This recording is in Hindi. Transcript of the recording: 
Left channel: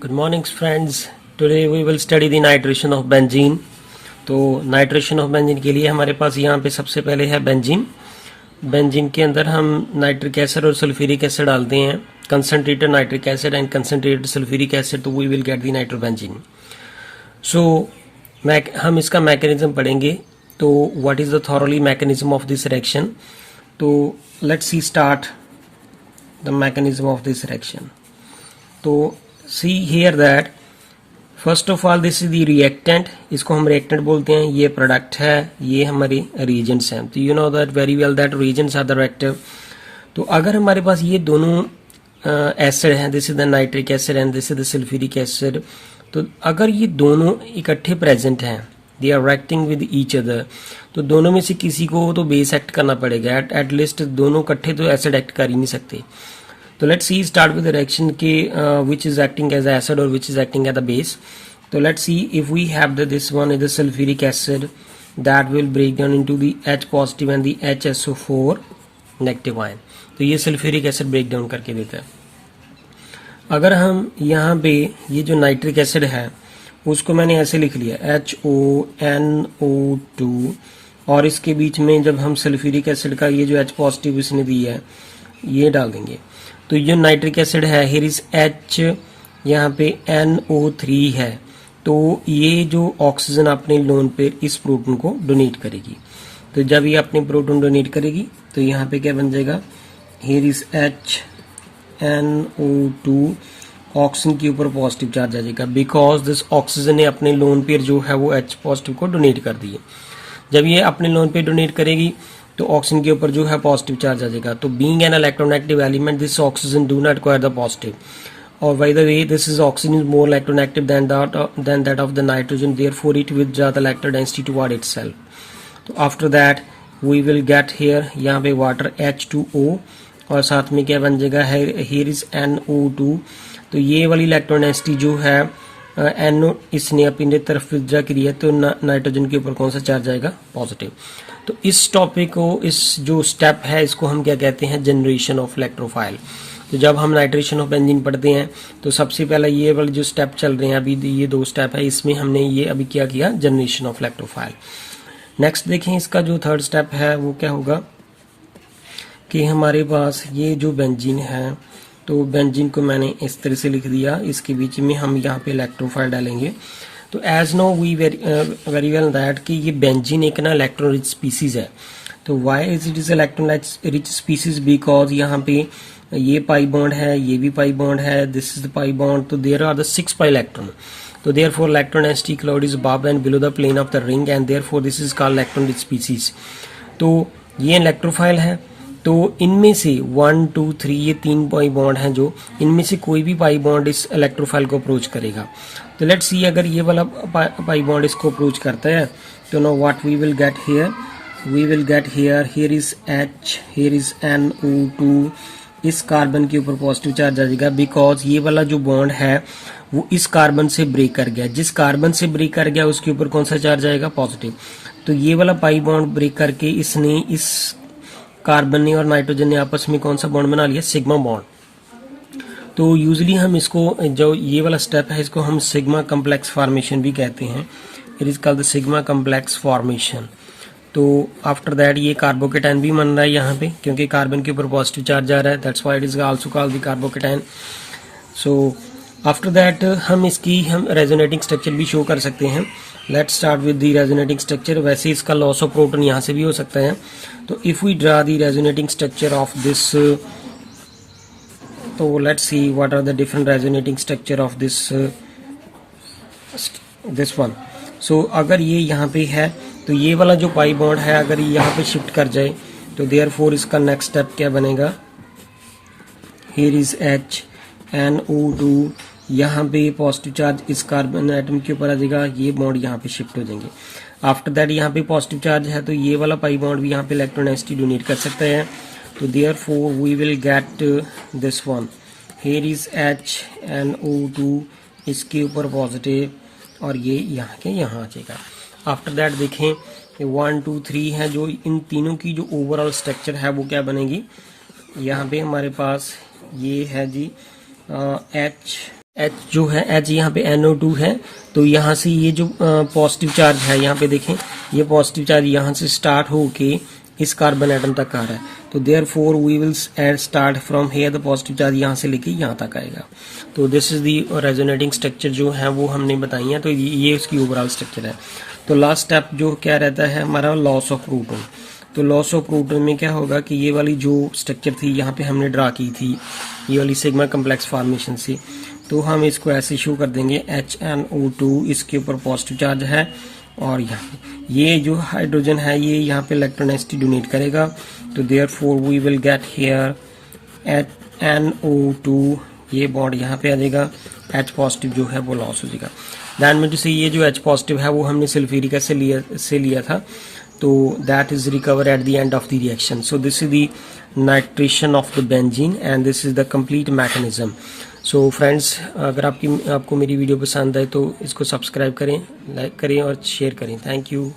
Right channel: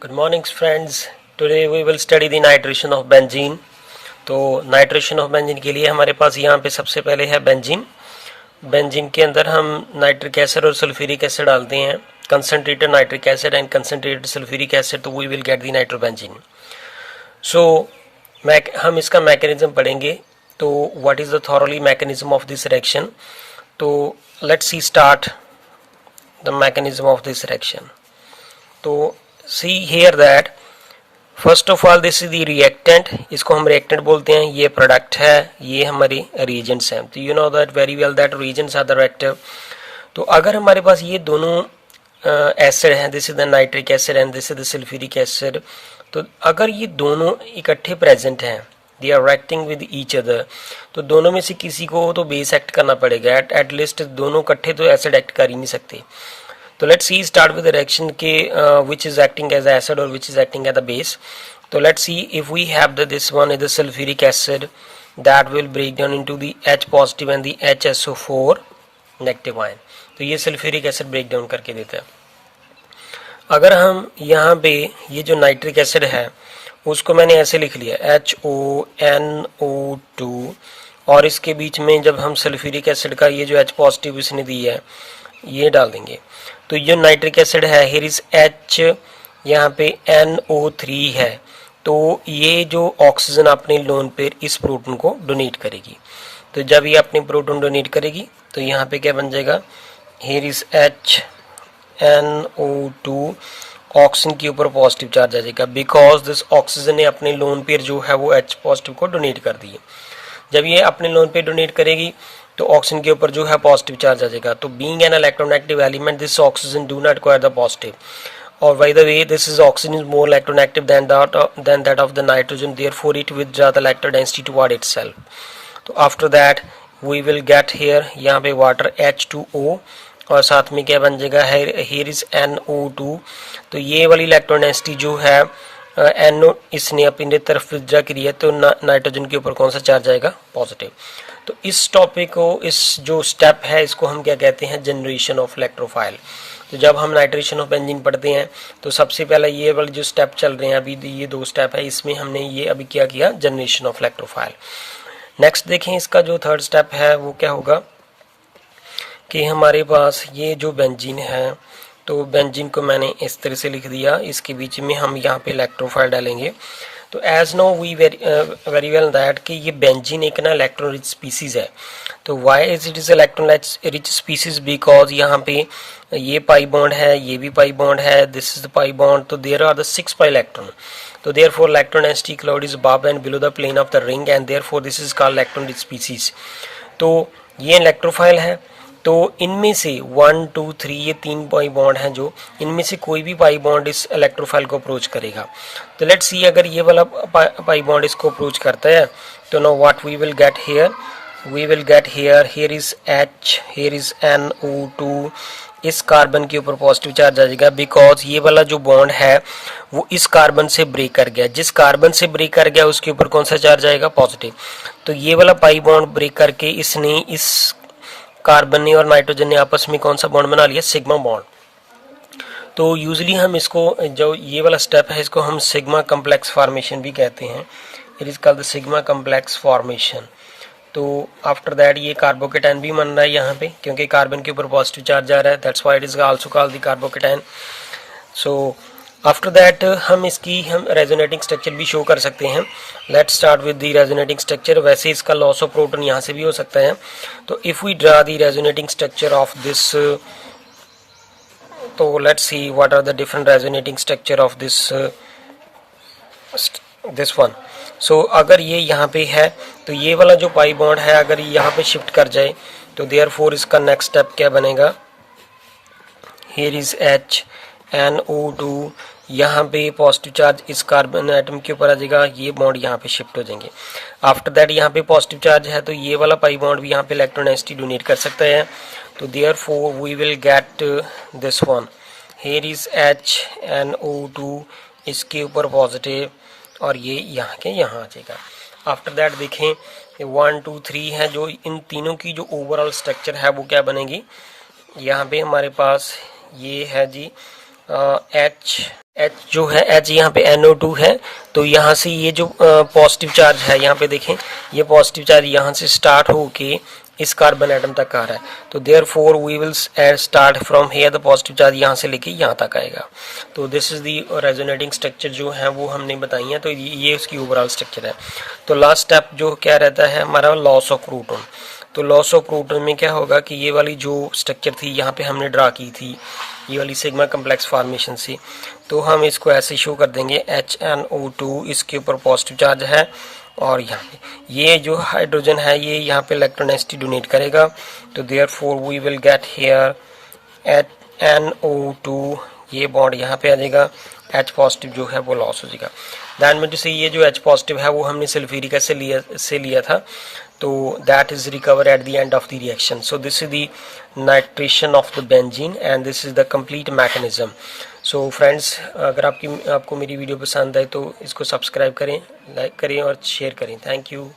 Good morning friends. Today we will study the nitration of benzene. तो नाइट्रेशन ऑफ बेंजीन के लिए हमारे पास यहाँ पे सबसे पहले है बेंजीन. बेंजीन के अंदर हम नाइट्रिक एसिड और सल्फ्यूरिक एसिड डालते हैं, concentrated nitric acid and concentrated sulphuric acid, तो we will get the nitrobenzene. So हम इसका मैकेनिज्म पढ़ेंगे. तो what is the thoroughly mechanism of this reaction. तो let's see start the mechanism of this reaction. तो see here that first of all this is the reactant, इसको हम reactant बोलते हैं. ये प्रोडक्ट है, ये हमारे reagents हैं. तो you know that very well that reagents are the reactive. तो अगर हमारे पास ये दोनों एसिड हैं, this is the nitric acid and this is the sulphuric acid, तो अगर ये दोनों इकट्ठे प्रेजेंट हैं, they are reacting with each other, तो दोनों में से किसी को तो बेस एक्ट करना पड़ेगा. एट लीस्ट दोनों इकट्ठे तो एसिड एक्ट कर ही नहीं सकते. तो let's see start with the reaction के which is acting as acid और which is acting as the base. तो let's see if we have this one is the sulphuric acid that will break down into the H positive and the HSO4 negative ion. तो ये सल्फ्यूरिक एसिड ब्रेक डाउन करके देता है. अगर हम यहाँ पे ये जो नाइट्रिक एसिड है उसको मैंने ऐसे लिख लिया HONO2 और इसके बीच में जब हम सल्फ्यूरिक एसिड का ये जो H पॉजिटिव इसने दी है ये डाल देंगे. तो ये नाइट्रिक एसिड है, हियर इज H, यहाँ पे NO3 है. तो ये जो ऑक्सीजन अपने लोन पेयर इस प्रोटॉन को डोनेट करेगी. तो जब ये अपने प्रोटॉन डोनेट करेगी तो यहाँ पे क्या बन जाएगा, हियर इज HNO2, ऑक्सीजन के ऊपर पॉजिटिव चार्ज आ जाएगा बिकॉज दिस ऑक्सीजन ने अपने लोन पेयर जो है वो H पॉजिटिव को डोनेट कर दी है. जब ये अपने लोन पेयर डोनेट करेगी तो ऑक्सीजन के ऊपर जो है पॉजिटिव चार्ज आ जाएगा. तो being an electronegative element this oxygen do not acquire the positive. और by the way this is oxygen is more electronegative than that of the nitrogen, therefore it withdraw the electron density toward itself. तो after that we will get here यहाँ पे वाटर H2O और साथ में क्या बन जाएगा, हियर इज NO2. तो ये वाली इलेक्ट्रॉन डेंसिटी जो है NO इसने अपनी तरफ विथड्रॉ करी है, तो नाइट्रोजन के ऊपर कौन सा चार्ज आएगा, पॉजिटिव. तो इस टॉपिक को, इस जो स्टेप है इसको हम क्या कहते हैं, जनरेशन ऑफ इलेक्ट्रोफाइल. तो जब हम नाइट्रेशन ऑफ बेंजीन पढ़ते हैं तो सबसे पहले ये वाले जो स्टेप चल रहे हैं अभी, ये दो स्टेप है, इसमें हमने ये अभी क्या किया, जनरेशन ऑफ इलेक्ट्रोफाइल. नेक्स्ट देखें, इसका जो थर्ड स्टेप है वो क्या होगा कि हमारे पास ये जो बेंजीन है, तो बेंजीन को मैंने इस तरह से लिख दिया, इसके बीच में हम यहाँ पे इलेक्ट्रोफाइल डालेंगे. तो as know we very well that कि ये बेंजीन एक ना इलेक्ट्रॉन रिच स्पीसीज है. तो why is it is electron rich species, because यहाँ पे ये पाई बॉन्ड है, ये भी पाई बॉन्ड है, this is the pi bond. तो there are the 6 pi electron. तो therefore electron density cloud is above and below the plane of the ring and therefore this is called electron rich species. तो ये इलेक्ट्रोफाइल है. तो इनमें से 1 2 3 ये 3 पाई बॉन्ड हैं, जो इनमें से कोई भी पाई बॉन्ड इस इलेक्ट्रोफाइल को अप्रोच करेगा. तो लेट्स सी अगर ये वाला पाई बॉन्ड इसको अप्रोच करता है तो no what we will get here, we will get here is H, here is NO2. इस कार्बन के ऊपर पॉजिटिव चार्ज आ जाएगा बिकॉज ये वाला जो बॉन्ड है वो इस कार्बन से ब्रेक कर गया. जिस कार्बन से ब्रेक कर गया उसके ऊपर कौन सा चार्ज आएगा, पॉजिटिव. तो ये वाला पाई बॉन्ड ब्रेक करके इसने, इस कार्बन ने और नाइट्रोजन ने आपस में कौन सा बॉन्ड बना लिया, सिग्मा बॉन्ड. तो यूजुअली हम इसको, जो ये वाला स्टेप है इसको हम सिग्मा कम्प्लेक्स फॉर्मेशन भी कहते हैं. It is called the sigma complex formation. तो आफ्टर दैट ये कार्बोकेटाइन भी बन रहा है यहाँ पे, क्योंकि कार्बन के ऊपर पॉजिटिव चार्ज आ रहा है, that's why it is also called the carbocation. So after that हम रेजोनेटिंग स्ट्रक्चर भी शो कर सकते हैं. Let's start with the resonating structure. वैसे इसका लॉस ऑफ प्रोटॉन यहाँ से भी हो सकता है. तो if we draw the resonating structure of this, तो let's see what are the different resonating structure of this one. So अगर ये यहाँ पे है तो ये वाला जो पाई बॉन्ड है अगर यहाँ पे शिफ्ट कर जाए तो देयरफॉर इसका नेक्स्ट स्टेप क्या बनेगा, हियर इज HNO2. यहाँ पे पॉजिटिव चार्ज इस कार्बन एटम के ऊपर आ जाएगा, ये बॉन्ड यहाँ पे शिफ्ट हो जाएंगे. आफ्टर दैट यहाँ पे पॉजिटिव चार्ज है तो ये वाला पाई बॉन्ड भी यहाँ पे इलेक्ट्रॉन डेंसिटी डोनेट कर सकता है. तो therefore we will get this one, here is HNO2, इसके ऊपर पॉजिटिव और ये यहाँ के यहाँ आ जाएगा. आफ्टर दैट देखें 1 2 3 है, जो इन तीनों की जो ओवरऑल स्ट्रक्चर है वो क्या बनेगी. यहाँ पे हमारे पास ये है जी H H जो है H यहाँ पे NO2 है, तो यहाँ से ये जो पॉजिटिव चार्ज है यहाँ पे देखें, ये पॉजिटिव चार्ज यहाँ से स्टार्ट होके इस कार्बन एटम तक आ रहा है, तो therefore we will start from here the positive charge यहाँ से लेके यहाँ तक आएगा। तो this is the resonating structure जो है वो हमने बताई है, तो ये उसकी ओवरऑल स्ट्रक्चर है। तो लास्ट स्टेप जो क्या रहता है हमारा, लॉस ऑफ प्रोटॉन। तो लॉस ऑफ प्रोटॉन में क्या होगा कि ये वाली जो स्ट्रक्चर थी यहाँ पे हमने ड्रा की थी, ये वाली सिग्मा कम्प्लेक्स फॉर्मेशन से, तो हम इसको ऐसे शो कर देंगे HNO2, इसके ऊपर पॉजिटिव चार्ज है, और यहाँ ये जो हाइड्रोजन है ये यहाँ पे इलेक्ट्रोनेसिटी डोनेट करेगा, तो therefore we will get here NO2, ये बॉन्ड यहाँ पे आ जाएगा, H पॉजिटिव जो है वो लॉस हो जाएगा। दैट मीन टू से ये जो H पॉजिटिव है वो हमने सल्फ्यूरिक एसिड से लिया था, तो that is recover at the end of the reaction. So this is the nitration of the benzene and this is the complete mechanism. So friends, अगर आपको मेरी वीडियो पसंद है तो इसको सब्सक्राइब करें, लाइक करें और शेयर करें। Thank you.